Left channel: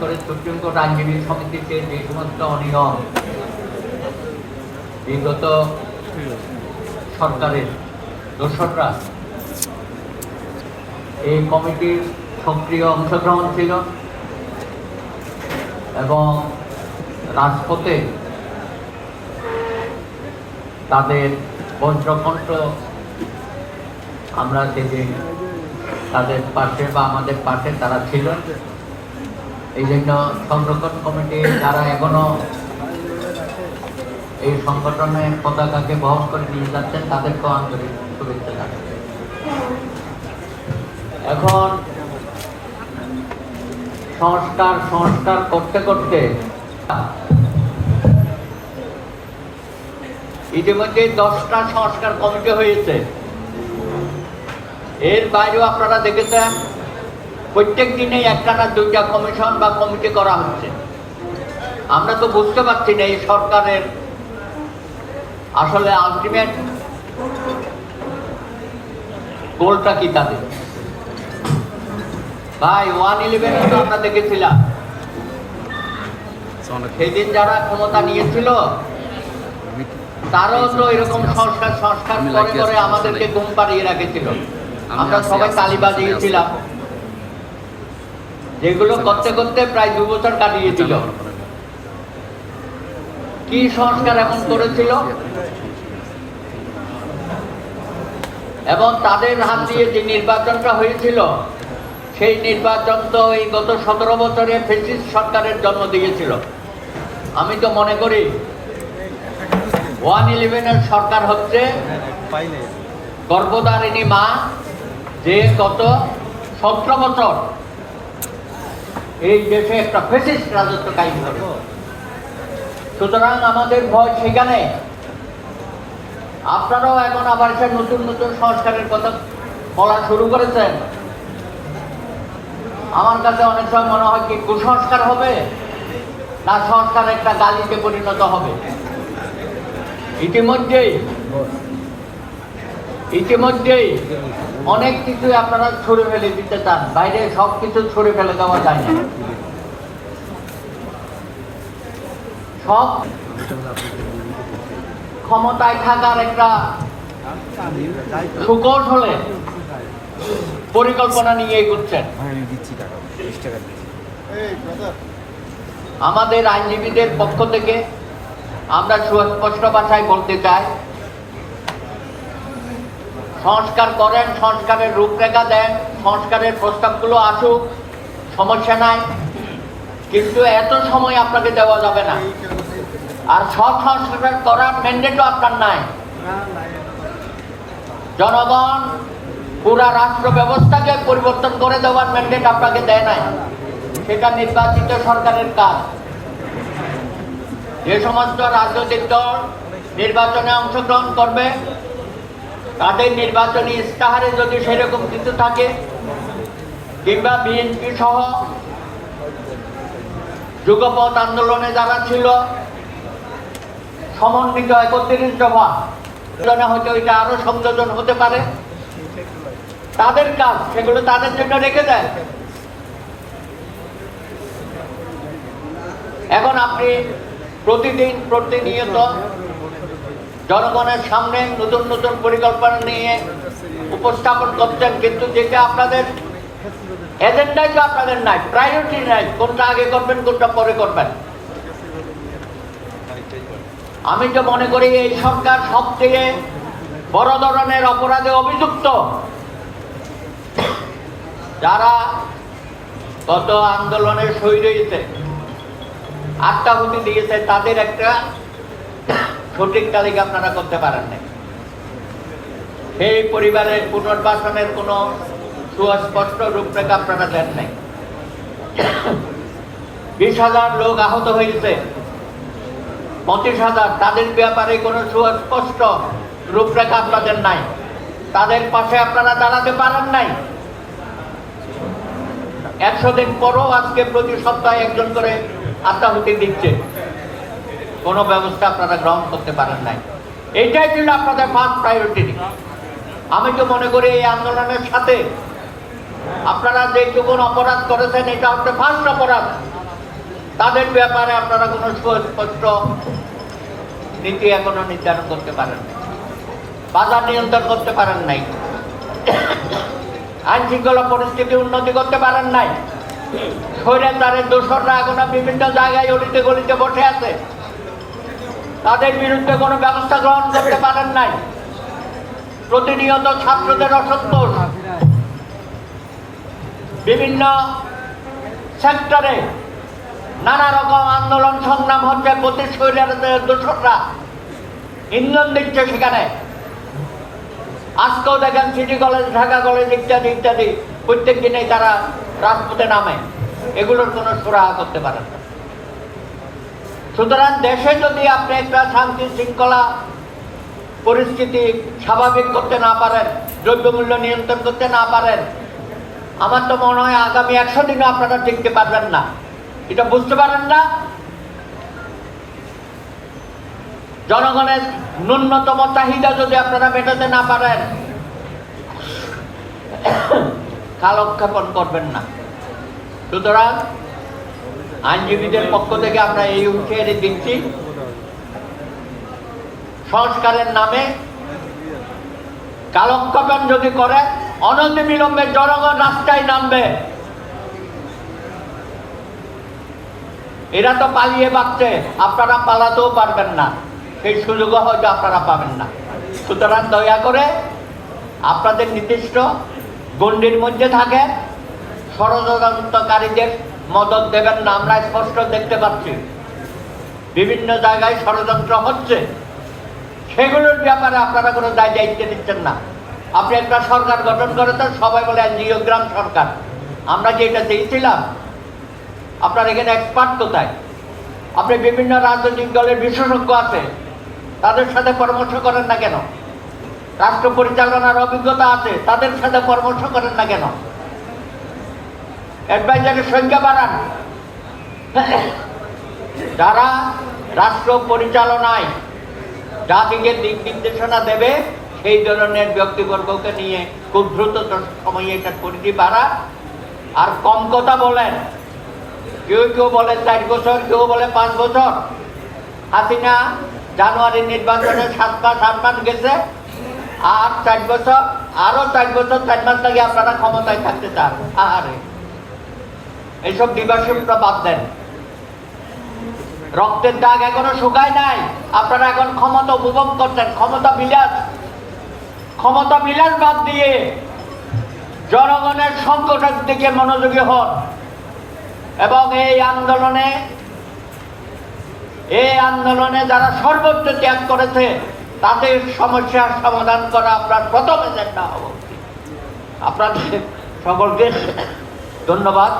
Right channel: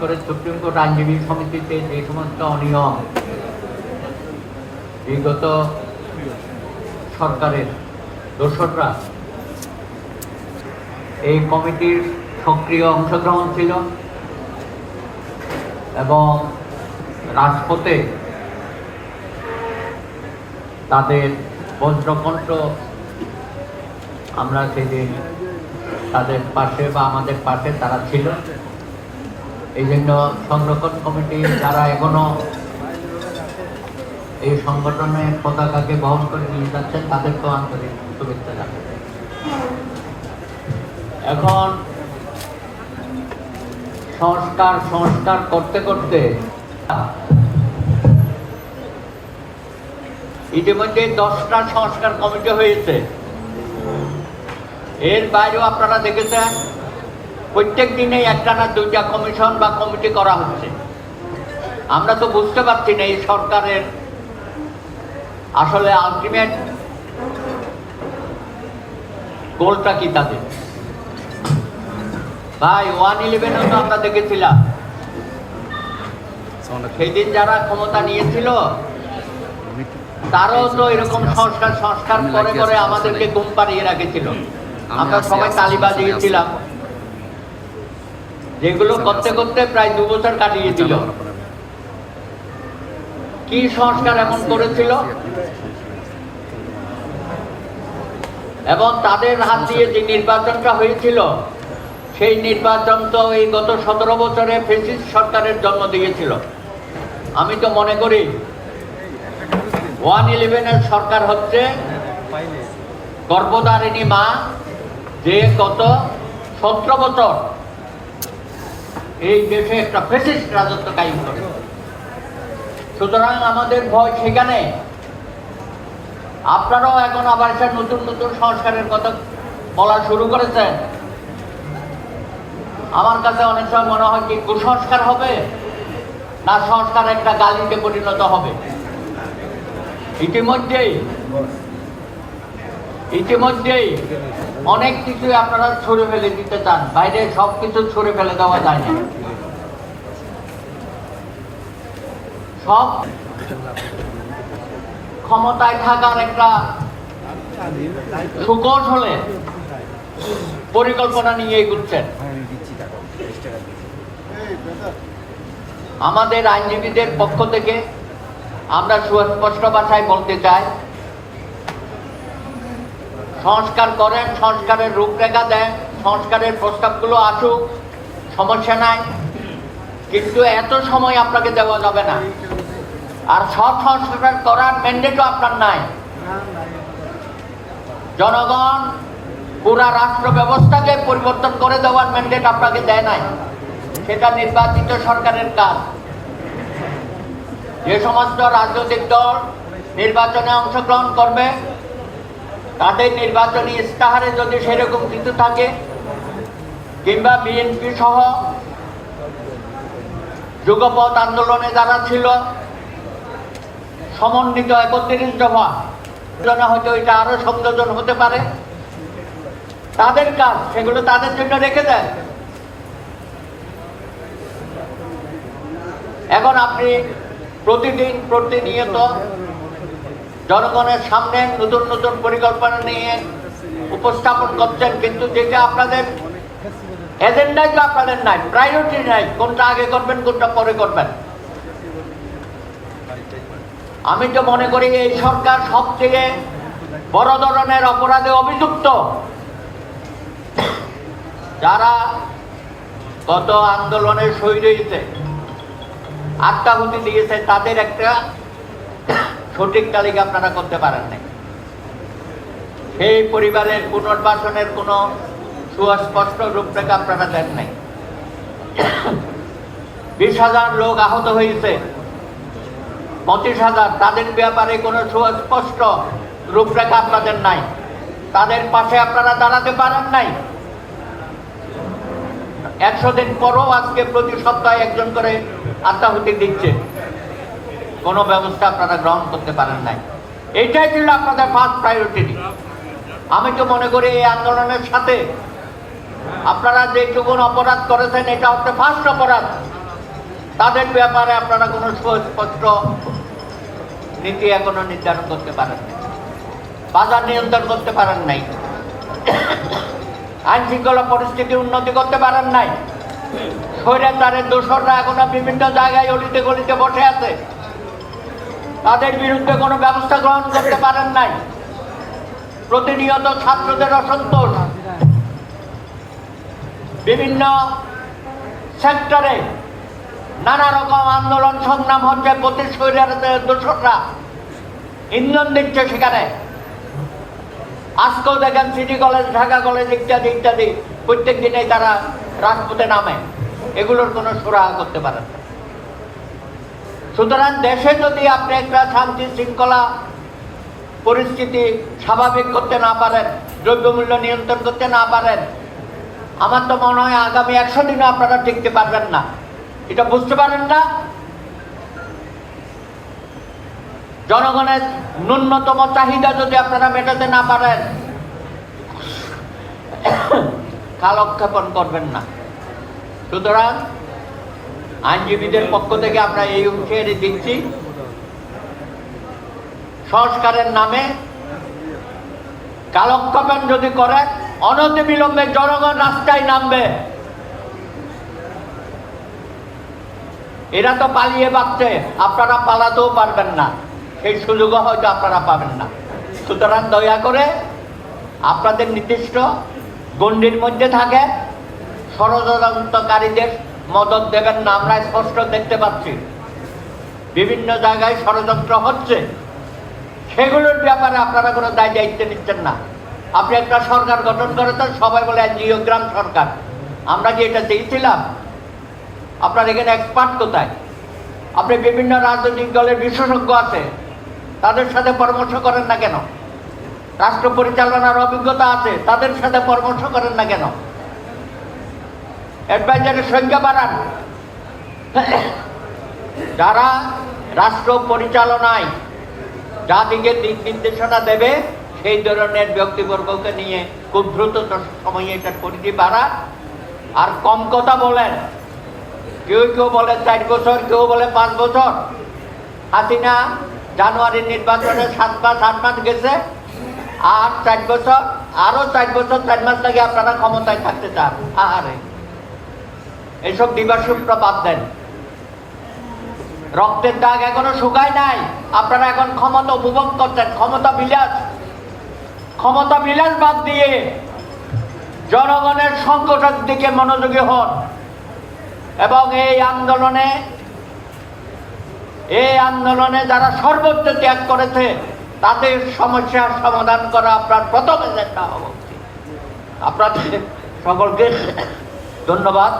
করে supreme court আইনজীবী সমিতিতে যে সমস্ত অনিয়ম বিগত সরকারের দোসররা এই কমিটির সক্রিয় অংশগ্রহণ ছিল এবং রাজপথে তাদের বজ্রকণ্ঠ আমরা সেদিন তাদের পাশে বা আমাদের পাশে তারা ছিল। এই জন্য সংরক্ষণ কমিটি যারা এখনো এই সংগঠনের পতাকাকে বহন করে নিয়ে যাচ্ছেন তাদেরকেও আন্তরিক শুভেচ্ছা জানাচ্ছি। এখন সংস্কার করতে করতে ইতিমধ্যে 10টা সংস্কার কমিটি হয়েছে। এর বাইরেও আপনারা দেখেছেন প্রত্যেক দিনে একটা না দুইটা কমিশন বা কমিটি করা হচ্ছে। আমরা তো বুঝতে পারছি না এই সরকারের আসলে আলটিমেট গোলটা কি তাদের। ভাই 111 তো আমরা দেখেছিলাম, সেদিন যারা ক্ষমতা নিয়েছিল তারও তো এরকম সংস্কার করে করে আমাদেরকে ঘুম পাড়িয়ে রেখেছিল। আমরা সবাই তালি বাজিয়েছিলাম, যেগুলো করতে করতে প্রায় 2 বছর কাটিয়ে দিল। কি সংস্কার এখন করেছিল এবং তাদের হাত দিয়ে যে নির্বাচনটা হয়েছিল সেই নির্বাচন তো এই গত 17 বছরে ফ্যাসিস্ট সরকারের জন্ম দিয়েছিল। আমি তো মনে করি 111-এর সরকার হচ্ছে গর্ভধারিণী মা, যে গত 17 বছর এই দেশে একটা ফ্যাসিস্ট রাজত্ব কায়েম করে। সুতরাং আমাদের ভয় সেখানে। আপনারাও এখন আবার একটা নতুন নতুন সংস্কারের কথা বলা শুরু করেছেন। আমার কাছে অনেক সময় মনে হয় কি কুসংস্কার হবে না সংস্কার একটা গালিতে পরিণত হবে। ইতিমধ্যেই অনেক কিছু আপনারা ছুড়ে ফেলে দিতে চান, বাইরে সব কিছু ছুড়ে ফেলে দেওয়া যায় না। সব ক্ষমতায় থাকার একটা সুকৌশলে পরিকল্পনা নিয়ে এগোচ্ছেন। আমাদের আইনজীবীদের পক্ষ থেকে আমরা সুস্পষ্ট ভাষায় বলতে চাই, সংস্কার করেন, সংস্কারের রূপরেখা দেন, সংস্কারের প্রস্তাবগুলো আসুক, সমস্যা নাই, কিন্তু এত সময় আপনাকে দেওয়া যাবে না। আর সব সংস্কার করার ম্যান্ডেটও আপনার নাই। জনগণ পুরা রাষ্ট্র ব্যবস্থাকে পরিবর্তন করে দেওয়ার ম্যান্ডেট আপনাকে দেয় নাই। সেটা নির্বাচিত সরকারের কাজ। যে সমস্ত রাজনৈতিক দল নির্বাচনে অংশগ্রহণ করবে তাদের নির্বাচনী ইস্তাহারে যদি সেরকম কিছু থাকে, কিংবা বিএনপি সহ যুগপৎ আন্দোলনে যারা ছিল সমন্বিত 31 দফা, হয়তো এটা আরো সংযোজন হতে পারে, তাদের কাজ সেগুলো তাদের জন্য রেখে দেয়। এখন আপনি প্রতিনিয়ত জনগণের সামনে নতুন নতুন পরিকল্পনা নিয়ে উপস্থাপন করছেন, কিন্তু যেটা আপনাদের এজেন্ডাই তো আপনাদের নাই, প্রায়োরিটি নাই, কোনটা আগে করবেন কোনটা পরে করবেন। আমি তো মনে করি এই সরকার সবথেকে বড় ধরনের অপরাধে অভিযুক্ত। যারা গত আন্দোলনের শহীদ আত্মাহুতি দিয়েছে তাদের একটা সঠিক তালিকা আপনারা করতে পারেন না। সেই পরিবারের পুনর্বাসনের কোনো সুস্পষ্ট রূপরেখা আপনারা দেন নাই। 20,000 লোক আহত হয়েছে, 25,000, তাদের ব্যাপারে কোনো সুস্পষ্ট রূপরেখা আপনাদের নাই। তাদের পাশে আপনারা দাঁড়াতে পারেন নাই। 100 দিন পরও আজকে প্রতি সপ্তাহে একজন করে আত্মাহুতি দিচ্ছে, কোনো ব্যবস্থা আপনারা গ্রহণ করতে পারেন নাই। এইটাই ছিল আপনাদের ফার্স্ট প্রায়োরিটি। আমি তো মনে করি এই আন্দোলনের সাথে আপনারা যেটুকুন অপরাধ করেছেন এটা হচ্ছে ফার্স্ট অপরাধ। তাদের ব্যাপারে আপনারা কোনো সুস্পষ্ট নীতি এখনো নির্ধারণ করতে পারেন, বাজার নিয়ন্ত্রণ করতে পারেন নাই, আইন শৃঙ্খলা পরিস্থিতি উন্নতি করতে পারেন নাই। স্বৈরাচারের দোসররা এখনো বিভিন্ন জায়গায় অলিতে গলিতে বসে আছে, তাদের বিরুদ্ধে কোনো ব্যবস্থা গ্রহণ করতে পারেন নাই। প্রতিনিয়ত ছাত্রদের অসন্তোষ, বিভিন্ন সেক্টরে নানা রকম আন্দোলন সংগ্রাম হচ্ছে, প্রতি স্বৈরাচারের দোসররা ইন্ধন দিচ্ছে সেখানে। আজকেও দেখেন সিটি কলেজ, ঢাকা কলেজ ইত্যাদি ইত্যাদি প্রত্যেক দিনে তারা রাজপথে নামে, এগুলোর কোনো সুরাহা করতে পারেন না। সুতরাং দেশে যদি আপনি একটা শান্তি শৃঙ্খলা পরিস্থিতি স্বাভাবিক করতে না পারেন, দ্রব্যমূল্য নিয়ন্ত্রণ করতে না পারেন, আমার তো মনে হয় আগামী 100 দিনও আপনারা টিকতে পারবেন না। এটা বুঝতে পারেন না? জনগণের ন্যূনতম চাহিদা যদি আপনারা মেটাতে না পারেন, কালক্ষেপণ করবেন না। সুতরাং আইনজীবীদের পক্ষ থেকে আমরা এই হুঁশিয়ারি দিচ্ছি, সংস্কারের নামে কালক্ষেপণ যদি করে, অনতিবিলম্বে জনগণ রাস্তায় নামবে। এরা তো পালিয়ে বাঁচছে, আপনারা পালাতেও পারবেন না, সেই সুযোগও হয়তো আপনারা পাবেন না। সুতরাং দয়া করে আপনাদের নির্দিষ্ট গণ্ডির মধ্যে থাকে, ষড়যন্ত্রকারীদের মদত দেবেন না। আমরা স্পষ্ট দেখতে পাচ্ছি বিভিন্ন জায়গায় ষড়যন্ত্র হচ্ছে, সেগুলোর ব্যাপারে আপনারা কোনো দায়িত্ব নিচ্ছেন না। আপনি একটা সরকার গঠন করেছেন, সবাই বলে এনজিওগ্রাম সরকার। আমরা যে এটা দিয়েছিলাম, আপনার এখানে এক্সপার্ট কোথায়? আপনি বিভিন্ন রাজনৈতিক দলের বিশেষজ্ঞ আছে, তাদের সাথে পরামর্শ করেন না কেন? রাষ্ট্র পরিচালনার অভিজ্ঞতা আছে, তাদের সাথে পরামর্শ করেন না কেন? অ্যাডভাইজারের সংখ্যা বাড়ান। যারা রাষ্ট্র পরিচালনায় জাতিকে দিক নির্দেশনা দেবে, সেই ধরনের ব্যক্তিবর্গকে নিয়ে খুব দ্রুত সময়ে এটার পরিধি বাড়া, আর কম কথা বলেন। কেউ কেউ বলে 4 বছর, কেউ বলে 5 বছর। হাসিনা জানুয়ারির নির্বাচনে 7 মাস 8 মাস গেছে, আর 4 বছর, আরো 4 বছর 4 মাস লাগে আপনারা ক্ষমতায় থাকতে চান। আরে এইসব দিবাসূত্র বাদ দেন। রক্তের দাগ এখনো শুকায় নাই, আপনারা এখন ক্ষমতা উপভোগ করছেন। ক্ষমতা বিলাস বাদ দিয়ে জনগণের সংকটের দিকে মনোযোগী হন, এবং এই আন্দোলনে যারা সর্বোচ্চ ত্যাগ করেছে তাদের সমস্যার সমাধান করা আপনার প্রথম এজেন্ডা হওয়া উচিত। আপনাদের সকলকে ধন্যবাদ।